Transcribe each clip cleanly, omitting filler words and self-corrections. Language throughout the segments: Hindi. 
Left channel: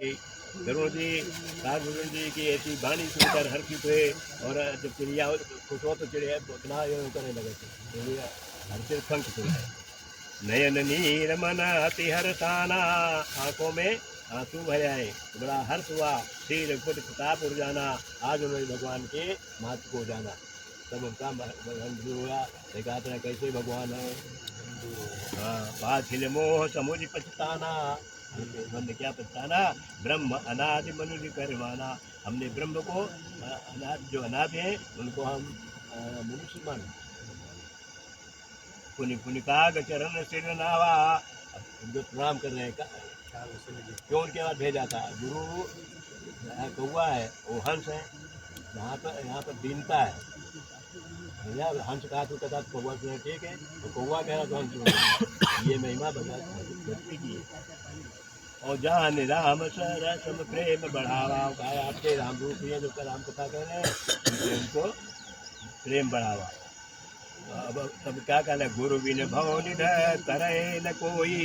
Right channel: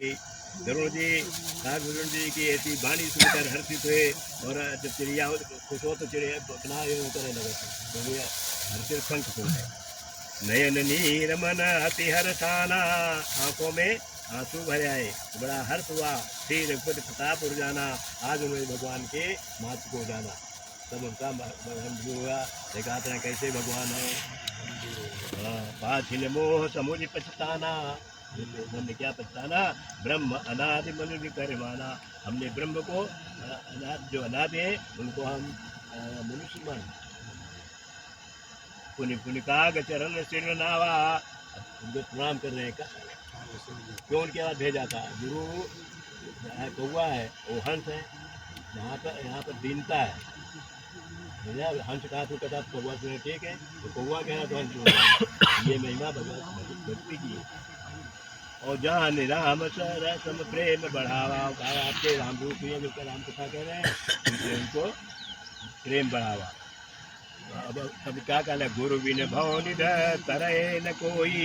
गरुड़ जी नागभूषण जी की ऐसी वाणी सुनकर हर्षित हुए और जब चिड़िया खुश हो तो चिड़िया अपना ये करने लगे थे तो हर्षित शंख सुनाए। नयन नीर मन अति हर्षाना, आंखों में आंसू भर आए, बड़ा हर्ष हुआ। श्री रघुपति प्रताप उर्जाना, आज उन्होंने भगवान के महत्व को जाना। तब उनका भगवान हुआ, देखा था कैसे भगवान है। हाँ, पाछिल मोह समुझ पछताना, हमने क्या पछताना, ब्रह्म अनादि मनुष्य करवाना। हमने ब्रह्म को अनादि जो अनादि है उनको हम मनुष्य मान। पुनि पुनि काग चरण सिर नावा, उनको प्रणाम कर रहे हैं। क्यों उनके बाद भेजा था गुरु? कौवा है वो हंस है, यहाँ पर दीनता है। हंस कहा तो कहता कौवा सुने, ठीक है तो कौवा कह रहा तो हंस सुने। ये महिमा भक्ति की है। और जान राम सरसम प्रेम बढ़ावा, आपके राम रूप है जो राम कथा कह रहे हैं उनको प्रेम बढ़ावा। अब तब क्या कहना, गुरु बिन भव निधर तरह न कोई,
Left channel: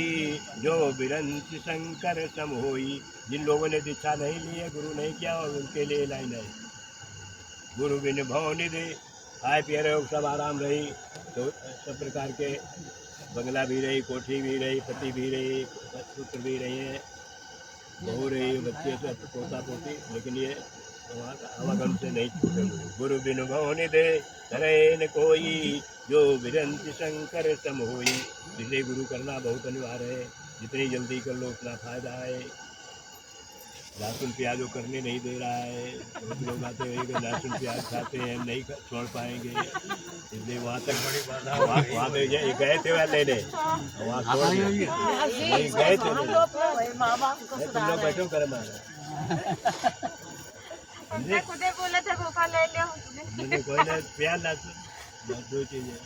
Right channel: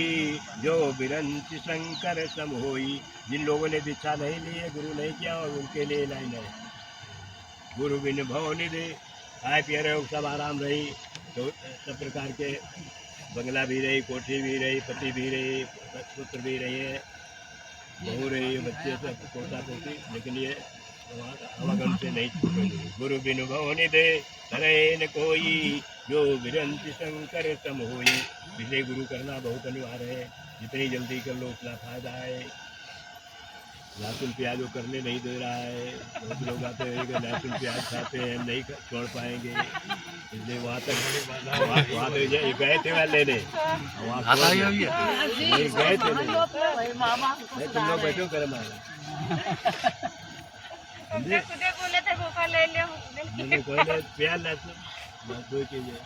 जो बिरंच शंकर सम होई। जिन लोगों ने दीक्षा नहीं ली है, गुरु नहीं किया, और उनके लिए लाइन है। गुरु बिन भव निधि, खाए पिए रहे सब आराम रही, तो सब प्रकार के बंगला भी रही, कोठी भी रही, पति भी रही, पुत्र भी रही है, बहू रही, बच्चे सब पोता पोती, लेकिन ये आवागम से नहीं छूटेंगे। गुरु बिन भव निधि तरह न कोई, जो विरंच शंकर सम होई। इसलिए गुरु करना बहुत अनिवार्य है, जितनी जल्दी कर लो उतना फायदा है। लहसुन प्याज वो करने नहीं दे रहा है, बहुत लोग आते हैं कि लहसुन प्याज खाते हैं, नहीं छोड़ पाएंगे, इसलिए वहाँ तक वहाँ तो गए थे वहाँ लेने, वहाँ वही गए थे तुम लोग बैठो कर मारा बोले थे भूखा ले लिया कोई प्याज लहसुन दो चीजें।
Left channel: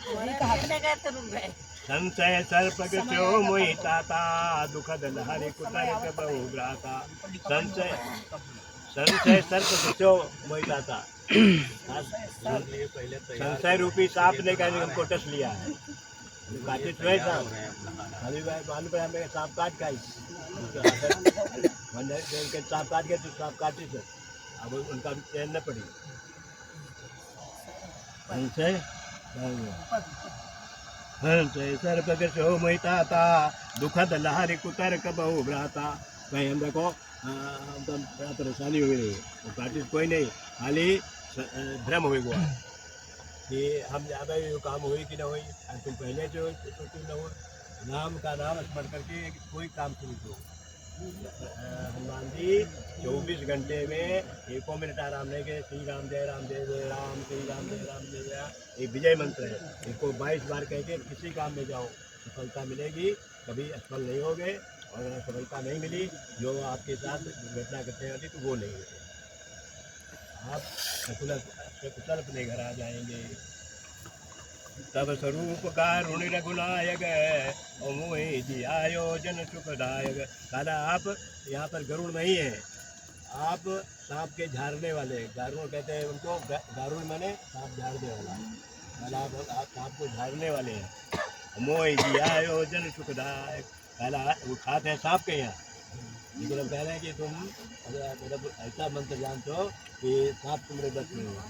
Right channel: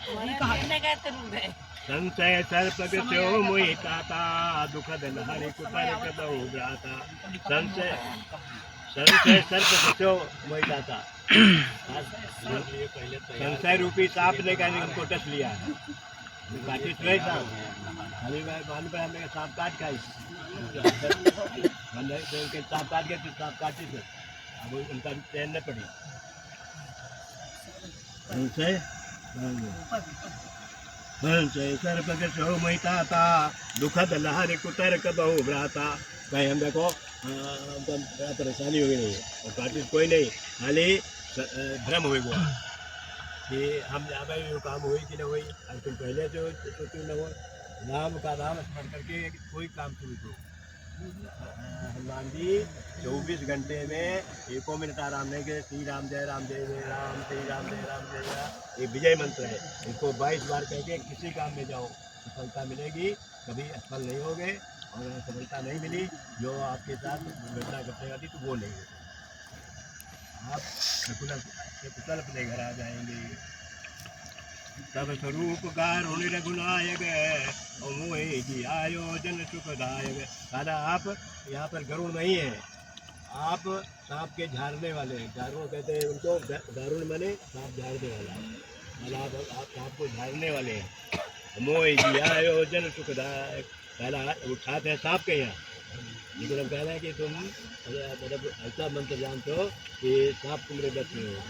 संशय सर्प गो मोहि ताता, दुखद लहरी कुतर कबहु भ्राता। संशय सर्प गो मोहि ताता, संशय रूपी सांप ने कहा उनको टच लिया है, काटे छुए सांप, अभी मान पर हमें सांप काट खाई, उनके सांप काट गए तो सांप काटे थे, अब उनका चैन न पड़ी। संशय सर्प गो मोहि ताता, दुखद लहरी कुतर कबहु भ्राता। कहीं हम देखो तो बड़ा परेशानी हुई नहीं है, और काटिस कोई नहीं, खाली भ्रम हुई हुआ कि हम यहाँ पे काम हुई कि न हुई। आज तुम पहले जो क्यों न हो, नाम का नाम स्मरण करके कोई काम शुरू करो। हनुमान जी 24 घंटे में 1 मिनट आराम नहीं किए। श्री राम जय राम जय जय राम, श्री राम जय राम जय जय, एक विजय मंत्र है। इसको 22 बार कह के किसी काम में जाओ, सफलता मिलेगी। कभी असफल नहीं होगे, और सफलता नहीं मिली जो आपके साथ दुर्घटना घटने वाली तो वो नहीं होगी, आप कुशल अपने घर आ जाएंगे। तब स्वरूप कारुण रघुनायक, मोहि जी आयोजन सुखदायक। कहना आप यहाँ पर गरुड़ नहीं है, आप सांप के झाड़ने वाले, गारुड़ कहते हैं उनको, गारुड़ माने सांप झाड़ने वाला है, आप सांप को झाड़ने वाले हैं। मोहि जी आयोजन सुखदायक, कहना उठाते हैं सांप के यहाँ, लेकिन हम कह रहे हैं कि तुम मतलब ऐसा मंत्र जानते हो कि सांप तुम्हारे बच में हो।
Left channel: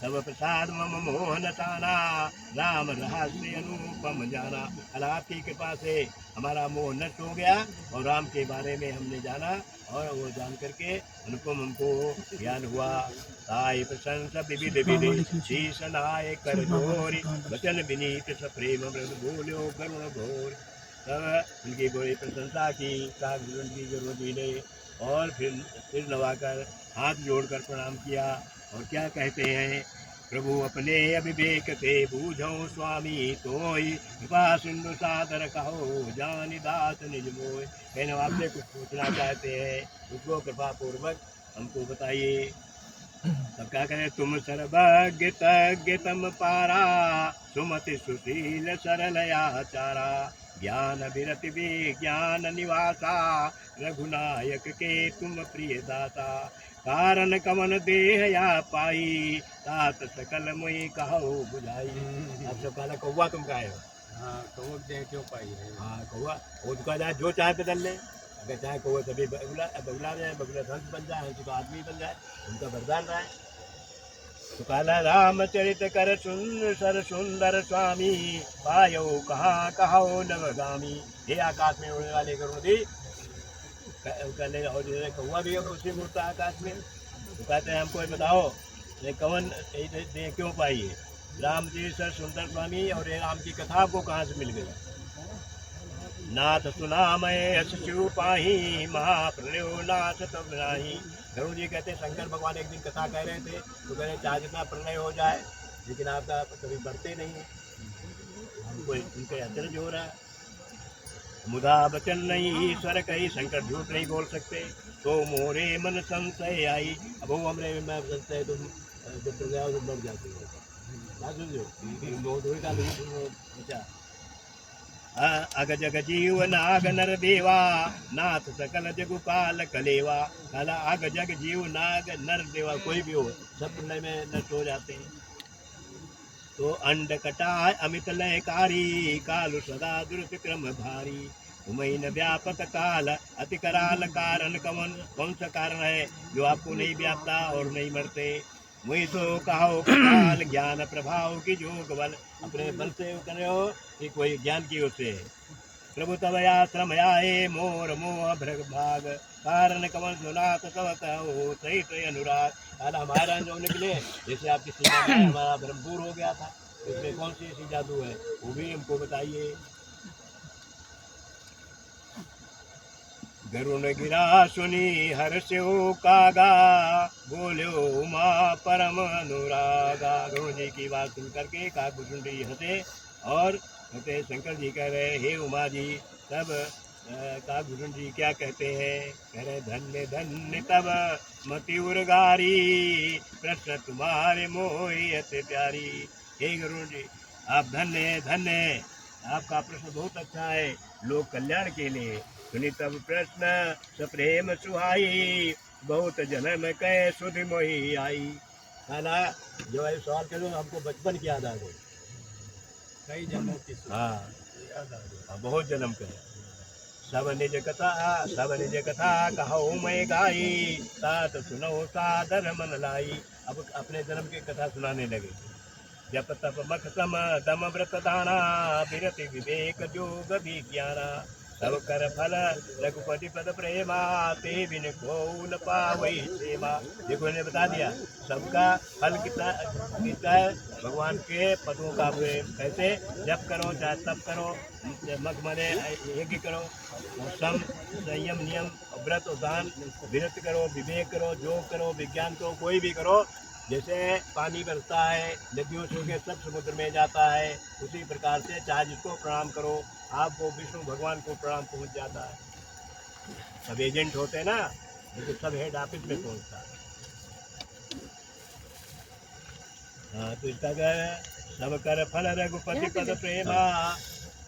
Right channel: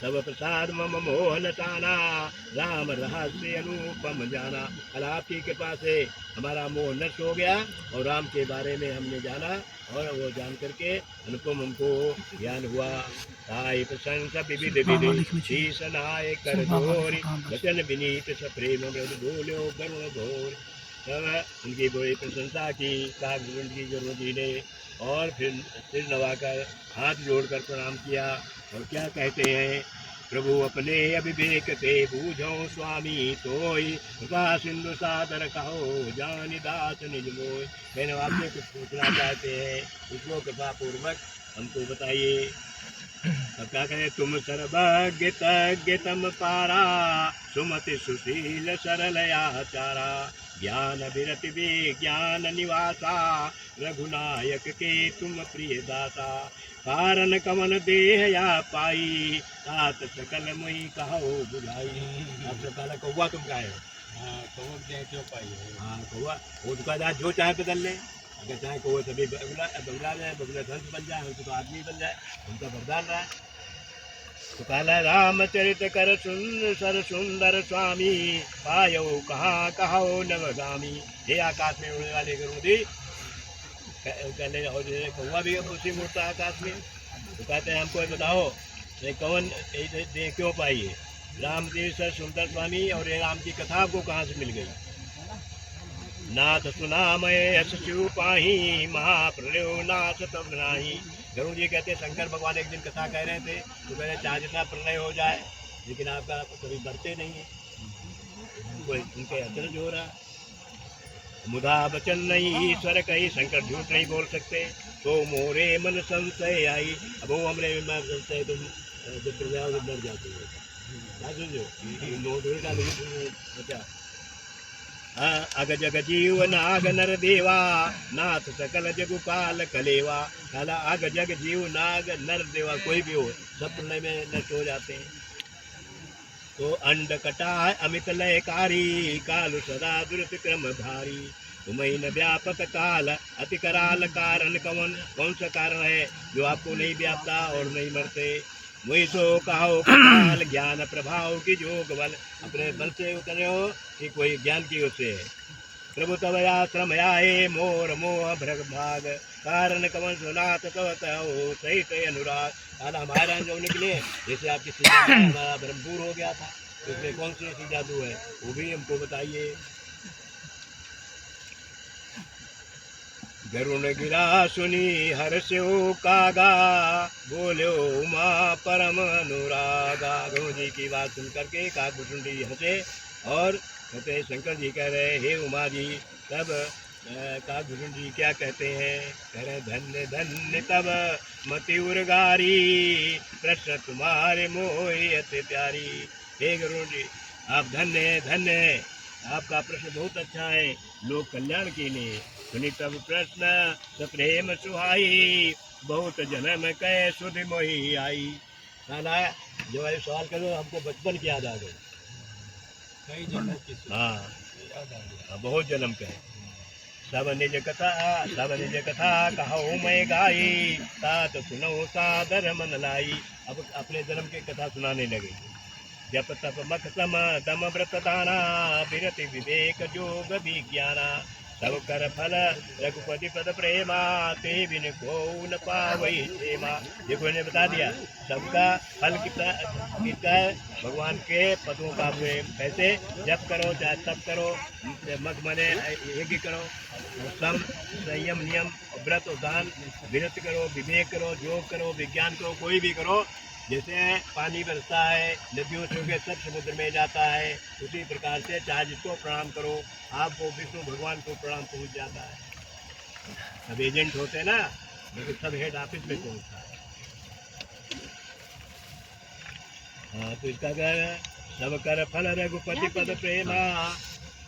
तब प्रसाद मम मोहन ताना, राम रहस्य अनुपम जाना। कल आपकी कृपा से हमारा मोह नष्ट हो गया, और राम के बारे में हमने जाना, और वो जान करके अनुपम हमको ज्ञान हुआ। ताई प्रशंसा विविध विधि, शीश नाय कर जोरी, वचन विनीत सप्रेम मृद बोलो गरुण घोर। तब उनकी बड़ी प्रशंसा की कागुरुण की गुरु जी ने, और फिर सिर नवाकर हाथ जोड़कर प्रणाम किया, और क्या कहते हैं, प्रभु अपने अविवेक से बूझो स्वामी तोई, कृपा सिंधु सादर कहो जानि दास निज मोय। कहने आपसे कुछ पूछना चाहते हैं, उसको कृपा पूर्वक हमको बताइए। तब क्या कहें, तुम सर्वज्ञ तज्ञ तम पारा, सुमति सुशील सरल आचारा, ज्ञान विरति विज्ञान निवासा, रघुनायक के तुम प्रिय दाता। कारण कमन देह या पाई, तात सकल मुई कहो बुझाई। अब सब कहना कौवा तुम का है, हाँ कौवा देह क्यों पाई है, हाँ कौवा वो दुकानदार जो चाहे बदल ले, अगर चाहे को सभी बगला जाए, बगला हंस बन जाए, हंस तो आदमी बन जाए, उनका वरदान रहा है। तो काला रामचरित कर सुन सर सुंदर स्वामी, पायो कहाँ कहो नवगामी। हे आकाश में उड़ने वाले गरुड़ी, कहने और कौवा भी अब उसी में उड़ता है आकाश में। तो कहते हैं हमको ये बताओ ये कौन ये क्यों पाई है? राम जी सर सुंदर स्वामी और ये राम की कथा आपको कहाँ से मिल गई? नाथ सुना मैं यश शिव पाही, महाप्रलयो नाथ तब नाही। गरुड़ जी कहते शंकर भगवान एक दिन कथा कह रहे थे, तो कह रहे चाहे जितना प्रलय हो जाए लेकिन आपका कभी बढ़ते नहीं है। हमको उनके अचरज हो रहा है। मुदा बचन नहीं ईश्वर कही, शंकर झूठ नहीं बोल सकते। तो मोरे मन संशय आई, अब वो हमने संशय तुम जब प्रजा से बढ़ जाते हो। अग जग जीव नाग नर देवा, नाथ सकल जगुपाल कलेवा। काला अग जग जीव नाग नर देवा कोई भी हो, सब प्रलय में नष्ट हो जाते हैं। तो अंड कटा अमित लयकारी, कालु सदा दुर्त क्रम धारी। तुम्हें न व्यापक काल अति कराल, कारण कौन सा कारण है जो आपको नहीं व्यापता और नहीं मरते? वही सो कहो काल ज्ञान प्रभाव की जोग बल, अपने बल से करे हो कि कोई ज्ञान की ओर से है। प्रभु तब आश्रम आए मोर मोह भ्रग भाग, कारण कवन सुनात कवत हो सही सही अनुराग। काला हमारा जो निकले जैसे आपकी सीधा हमारा भरमपूर हो गया था, इसमें कौन सी ऐसी जादू है वो भी हमको बताइए। गरुण गिरा सुनी हर्ष्यो कागा, बोलो उमा परम अनुरागा। गरुण जी की बात सुन करके काकभुसुंडी हंसे और कहते शंकर जी कह रहे हे उमा जी। तब काकभुसुंडी क्या कहते हैं? कह रहे धन्य धन्य तब मति उर्गारी, प्रश्न तुम्हारे मोहि अति प्यारी। हे गरुण जी आप धन्य धन्य, आपका प्रश्न बहुत अच्छा है लोक कल्याण के लिए। सुनी तब प्रश्न सप्रेम सुहाई, बहुत जन्म कह सुधि मोही आई। खाना जो है सवाल करो हमको बचपन की याद आ गई। कई जन्म की हाँ याद आ गई, बहुत जन्म कहे। सब निज कथा कहो मैं गाई, तात सुनो सादर मन लाई। अब अपने जन्म की कथा सुनाने लगे। जप तप मख सम दम व्रत दाना, विरति विवेक जोग विज्ञाना। सब कर फल रघुपति पद प्रेमा, ते बिन को न पावई क्षेमा। देखो ने बता दिया सबका फल कितना कितना है, भगवान के पदों का प्रेम। कैसे जप करो चाहे तप करो, मग मने यज्ञ करो, सम संयम नियम व्रत दान, विरत करो विवेक करो योग करो विज्ञान करो, कोई भी करो। जैसे पानी बरसता है नदियों से होकर सब समुद्र में जाता है, उसी प्रकार से चाहे जिसको प्रणाम करो आपको विष्णु भगवान को प्रणाम पहुंच जाता है। सब एजेंट होते हैं ना, लेकिन सब हेड ऑफिस में पहुंचता है। हाँ तो इसका कर सब कर फल रघुपति पद प्रेमा,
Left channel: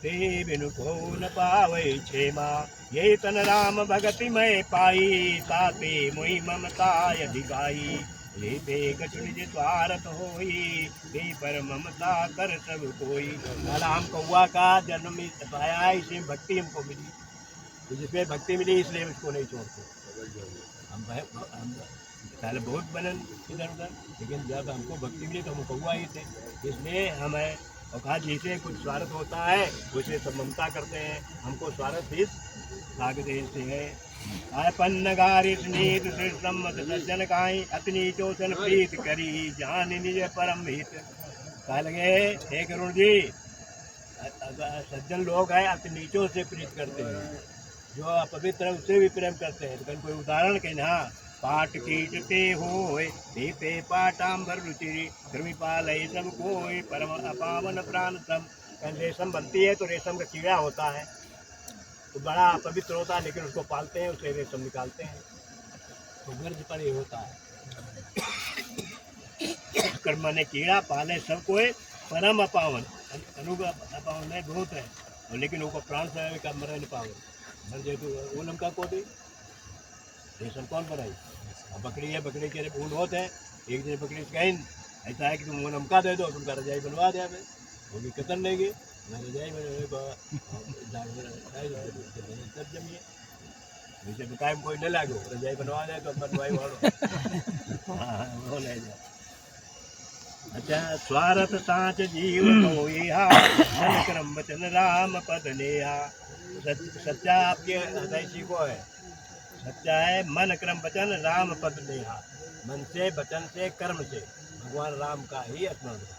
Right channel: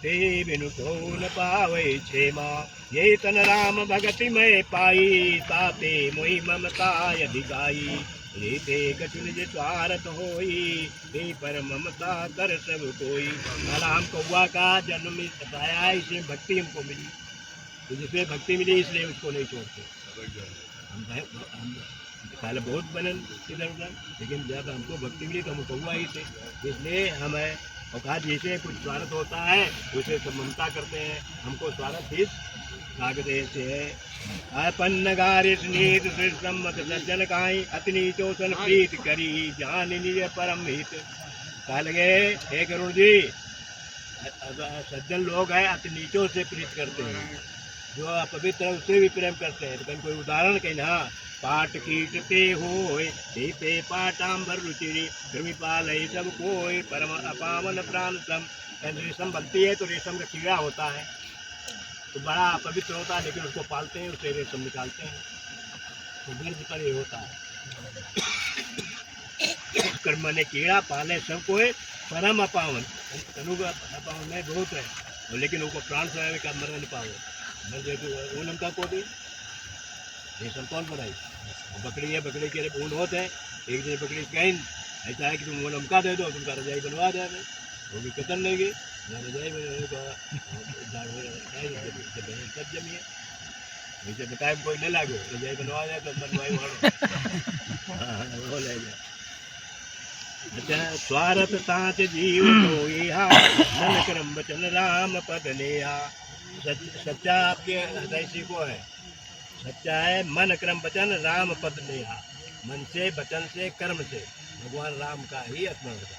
ते बिनु को न पावै क्षेमा। ये तन राम भगति में पाई, ताते मोहि ममता अधिकाई। रीते कछु निज स्वार्थ होई, ते पर ममता कर सब कोई। काला हम कौआ का जन्म पाया है, इसलिए भक्ति हमको मिली, तो जिसमें भक्ति मिली इसलिए उसको नहीं छोड़ते। हम काले बहुत बनन इधर उधर, लेकिन जब हमको भक्ति मिली तो हम कौआ ही थे, इसलिए हम है। और कहा जैसे कुछ स्वार्थ होता है उसे सब ममता करते हैं, हमको स्वार्थ इस कागदेश से है। अपन गारिश नीत सम्मत सज्जन काई, अतनी चोसन प्रीत करी जान निज परम हित। कहा लगे हे गरुड़ जी सज्जन लोग हैं अति नीचों से प्रीत करते हैं, जो अपवित्र है उससे भी प्रेम करते हैं। तो कोई उदाहरण कहीं ना, पाट कीटते होय दीपे पाटाम्बर रुचिरी, कृमिपाल सब कोय परम अपावन प्राण सम। रेशम बनती है तो रेशम का कीड़ा होता है, तो बड़ा पवित्र होता है, लेकिन उसको पालते हैं उससे रेशम निकालते हैं, तो गिर्द पर ये होता है। कर्म ने कीड़ा पाले सब कोई परम अपावन, अपावन में बहुत है, लेकिन वो प्राण से का मर नहीं पावे। मर जाए तो ऊन हमका को दी रेशम कौन बनाई? बकरी है, बकरी के ऊन होते हैं, एक दिन बकरी कहीं ऐसा है कि तुम ऊन हमका दे दो, तुमका रजाई बनवा दे, वो भी कतन लेगी रजाई सब जमी है। नीचे तो टाइम कोई न लागो रजाई बनवा जाए तो बनवाई वालो हाँ वो ले जाए। अच्छा स्वार्थ साच जीव कोइहा मन करम वचन राम पद लेहा। सच्चा आपके हृदय सीखो है, सच्चा है मन क्रम वचन राम पद लेहा। मन से वचन से कर्म से भगवान राम का ही स्मरण करो,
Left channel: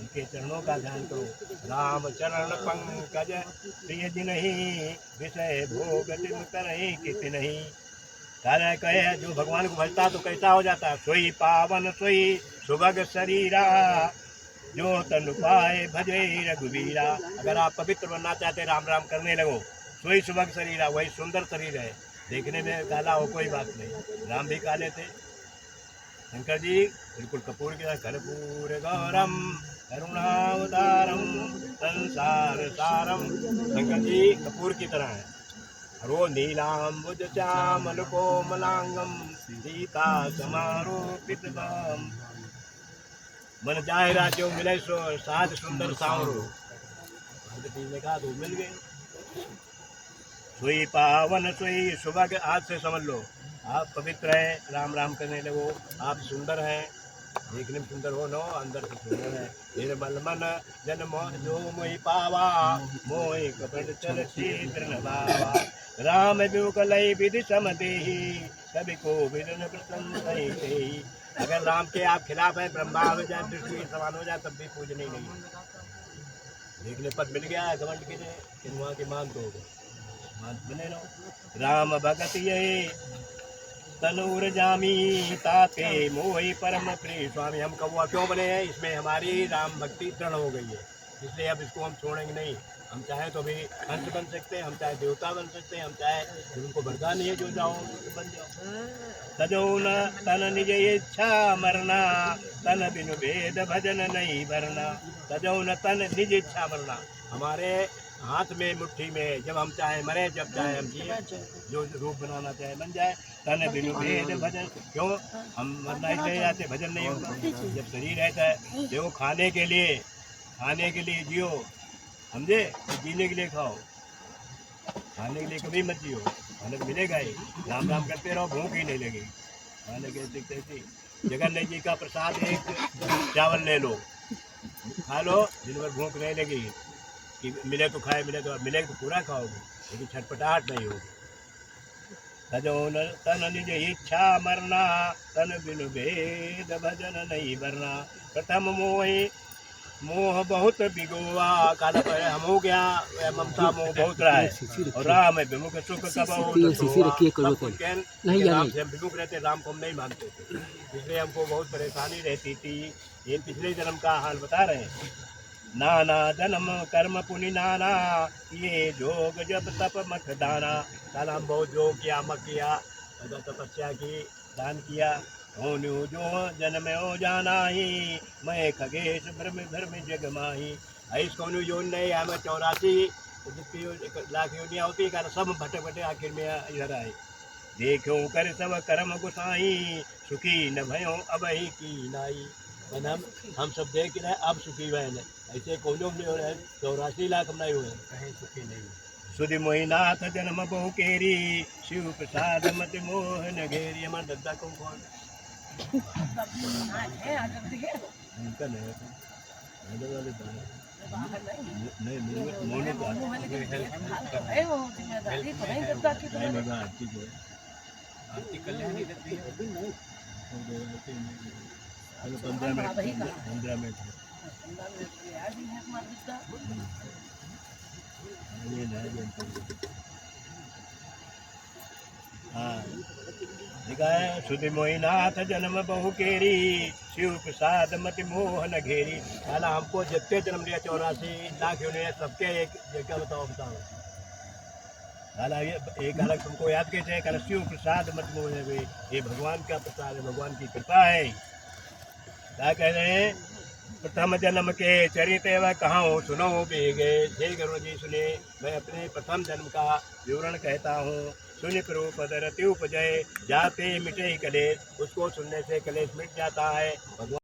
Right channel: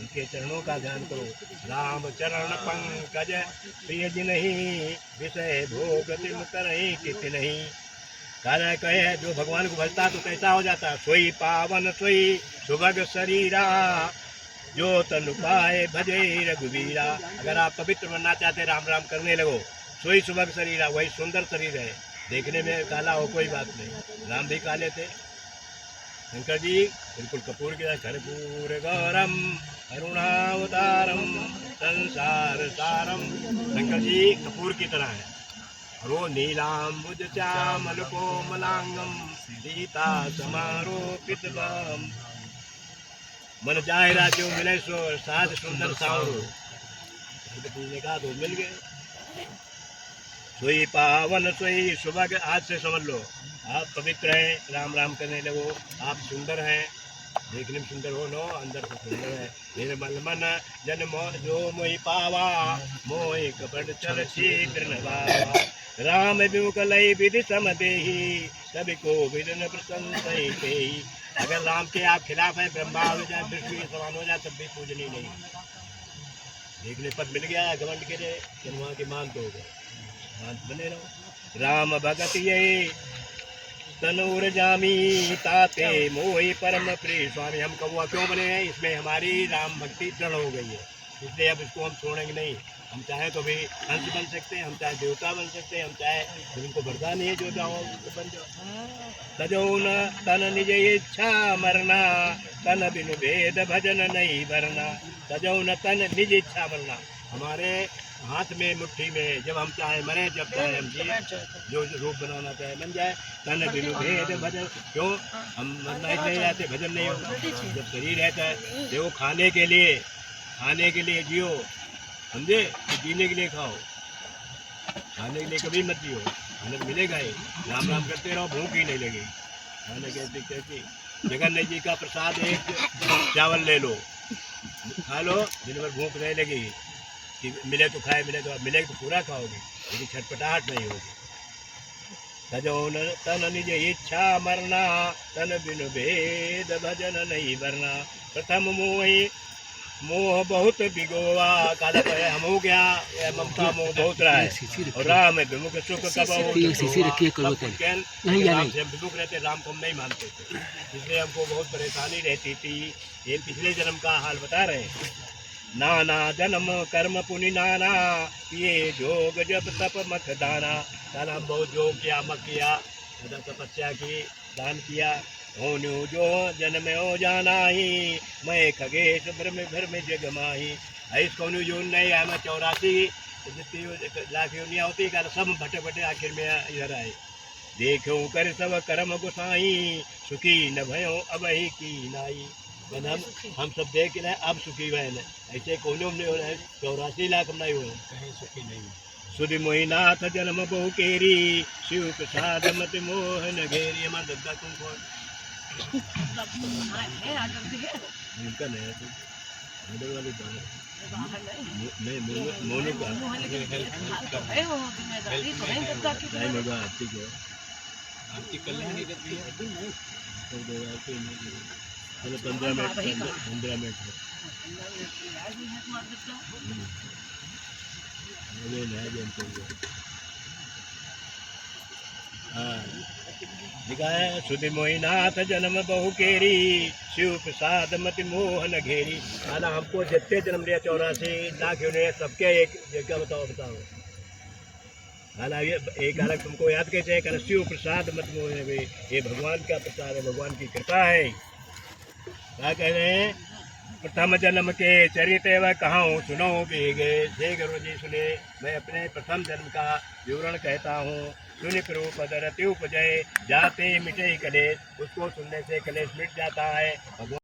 उनके चरणों का ध्यान करो। राम चरण पंकज प्रिय नहीं विषय भोग तिम करहि किति नहीं। कारण कहे जो भगवान को भजता तो कैसा हो जाता है, सोई पावन सोई सुभग शरीरा जो तनु पाए भजे रघुवीरा। अगर आप पवित्र बनना चाहते राम राम करने लगो, सोई सुभग शरीरा, वही सुंदर शरीर है, देखने में काला हो कोई बात नहीं, राम भी काले थे। शंकर जी बिल्कुल कपूर की तरह कर्पूर गौरम करुणावतारम संसार सारम, शंकर जी कपूर की तरह है। और वो नीलाम्बुज श्यामल कोमलांगम सीता समारोपित बम। मन जाए राजो मिले सो साध सुंदर सावरो, भगवती ने कहा तो मिल गए। सोई पावन सोई सुबह, आज से समझ लो आप पवित्र हैं, राम राम करने लगो, आप सुंदर हैं, देखने में सुंदर हो नो अंदर से सुंदर है। निर्मल मन जन जो मोहि पावा मोहि कपट चल शीघ्र नभावा। राम विमुख लय विधि सम देहि सभी को विदन प्रसन्न ही। अगर राम के आप खिलाफ है, ब्रह्मा हो जाए विष्णु के समान हो जाए तब भी पूजनीय नहीं। देखने पद मिल गया है घमंड के लिए, वहाँ के मान तो हो गए, मान बने रहो। राम भगत ये तनूर जामी ताते मोहि परम प्रिय स्वामी। हम कौआ क्यों बने हैं, इसमें हमारी राम भक्ति दृढ़ हो गई है, इसलिए अब इसको हम छोड़ेंगे नहीं। हम चाहे तो भी हंस बन सकते हैं, हम चाहे देवता बन सकते हैं, हम चाहे उनको वरदान ही है जो जाओ बन जाओ। तजौन तन निज इच्छा मरना तन बिनु भेद भजन नहीं भरना। तजौन तन निज इच्छा मरना, हमारे हाथ में मुट्ठी में, जब हम चाहे मरे जब चाहे हम जिए, जो रूप बनाना चाहे बन जाए। तन बिनु भेद भजन, क्यों हम मरना इसलिए जाते भजन नहीं होगा। जब शरीर रहता है देखो खाने के लिए जियो, समझे, तो जीने के लिए खाओ, खाने के लिए कभी मत जियो, खाने को मिलेगा ही। राम राम करते रहो, भूख ही नहीं लगेगी। खाने कैसी जगन्नाथ जी का प्रसाद एक चावल ले लो, खा लो, दिन भर भूख नहीं लगेगी, कि मिले तो खाए, मिले तो पूरा खाओगे, लेकिन छटपटाहट नहीं होगी। तजौन तन निज इच्छा मरना तन बिनु भेद भजन नहीं भरना। प्रथम मोह बहुत बिगोवा, काला हम हो गया ममता मोह बहुत रहा है। और राम विमुख सुख कब विमुख रहते, राम को हम नहीं मानते थे, इसलिए हमको बहुत परेशानी रहती थी। ये पिछले जन्म का हाल बता रहे हैं। नाना जन्म कर्म पुनि नाना ये जोग जब तप मत दाना। काला हम बहुत जोग किया, मत किया, तपस्या की, दान किया। होन्यू जो जन्म हो जाना ही मैं खगेश भ्रम जग माही। ऐस कौन जो नहीं है, मैं 84 लाख योनियाँ होती है, सब भटे आखिर में इधर आए। देखो कर सब कर्म गुसाई सुखी न भयो अब ही की नाई। हम सब देख रहे अब सुखी हुए हैं, ऐसे कौनों नहीं हो रहे हैं, 84 लाख हम नहीं हुए कहीं सुखी नहीं। सुधि मोहिनाथ जन्म बहु केरी शिव प्रसाद मत मोहन घेरी। हमारा दद्दा तुम कौन उनका नहीं है, वाली नहीं मोनू का आरती आरती कल्याणी रहती है। 15 मिनट हाँ लिखा है। सुधि मोहिनाथ जन्म बहु केरी शिव प्रसाद मति मोहन घेरी। काला हमको जितने जन्म लिया 84 लाख होने सबके एक क्या बताओ काला ये एक अलग तुमको याद कैसे है, काला शिव प्रसाद मत मोहन घेरी, ये भगवान का प्रसाद है, भगवान की कृपा है। क्या कह रहे हैं, प्रथम जन्म के चरित वह कहाँ सुनो बेगे। हे गुरु जी सुने, मैं अपने प्रथम जन्म का विवरण कहता हूँ। सुनि प्रभुपद रति उपजय जाते मिटे कलेश, उसको सुनने से कलेश मिट जाता है। भगवान